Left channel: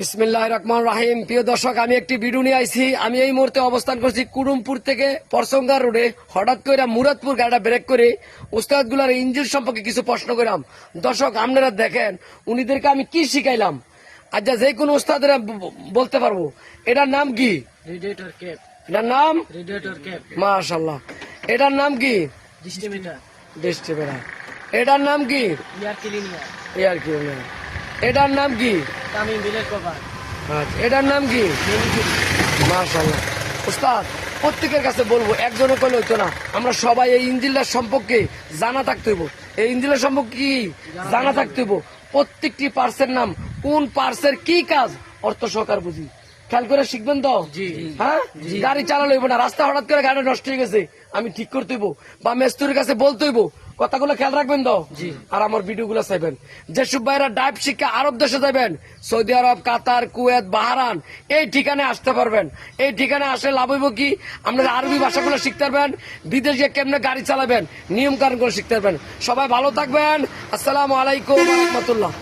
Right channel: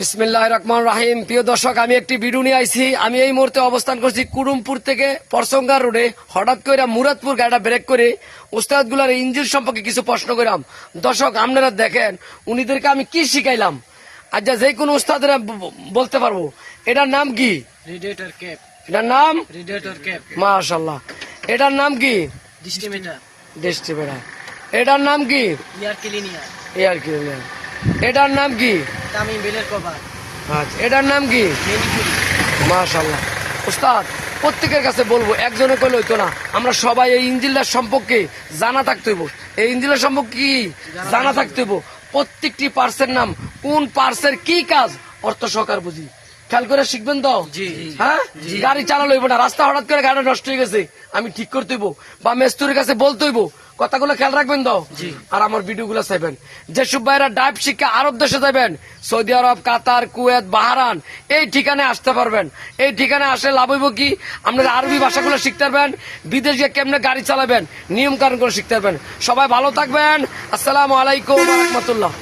বিসমিল্লাহির রহমানির রহিম। প্রিয় দর্শক, আমি একটি ভিডিও নিয়ে আইছি। আমি এই মুহূর্তে অবস্থান করছি কুড়ুমপুর থেকে পরসঙ্গা রোডে। হঠাৎ করে মুরাদপুর গাড়িটা ব্রেক করে উস্তাদ গুলার ইঞ্জিন সম্পর্কে কিছু প্রশ্ন করলাম। দর্শক, আপনারা দেখেন উনিদেরকে আমি কি শিখাইলাম। আচ্ছা, যে কোনো উস্তাদের বলতে পারবো এটার নাম কি? Radiator cap. এটার নাম রেডিয়েটর ক্যাপ। মাশাআল্লাহ। এটার নাম কি? ডিস্ট্রিবিউটর। ডিস্ট্রিবিউটর। এটার নাম কি? Air cleaner. Air cleaner. এটার নাম কি? টামিং বেলের কভার। আচ্ছা, এটার নাম কি? মেনিকিউর। মাশাআল্লাহ। উস্তাদ, প্রত্যেকের কাছে বলবো, একজনে করলে হইতো না। আমরা সবাই এই ইঞ্জিনটার সম্পর্কে জানা থাকতে হইব। এই ইঞ্জিনের সম্পর্কে কি জানা থাকতে হইব। প্রত্যেকটি পার্সের নাম, কোন পার্সের কি কাজ, অর্থ সহকার বুঝি। খেয়াল করে শিখবেন তো? জি। হ্যাঁ, গাড়ি চালানো হইব না। রাস্তা হঠাৎ করে গাড়ি নষ্ট হয়ে গেছে, আমি ঠিক করতে হইব বা মেস্তুরির কাছে বলতে হইব। কথাগুলো খেয়াল রাখবেন তো? জি। আর আমার ভিডিও গুলো চাইবেন। যেসব ভাইরা ডাইভ শিক্ষা আরব দেশে যাবেন, সৌদি আরব, কাতার, কুয়েত, বাহারান, এই ঠিকানায় আসতে পারবেন। এই ঠিকানায় আসলে লাভ হইব কি, আপনারা আরবি ভাষাগুলো শিখতে পারবেন, বিদেশে কেমনে গাড়ি চালাবেন, নিয়ম কানুন করে শিখতে পারবেন। সবাই ভালো থাকবেন। আসসালামু আলাইকুম ওয়া রাহমাতুল্লাহ।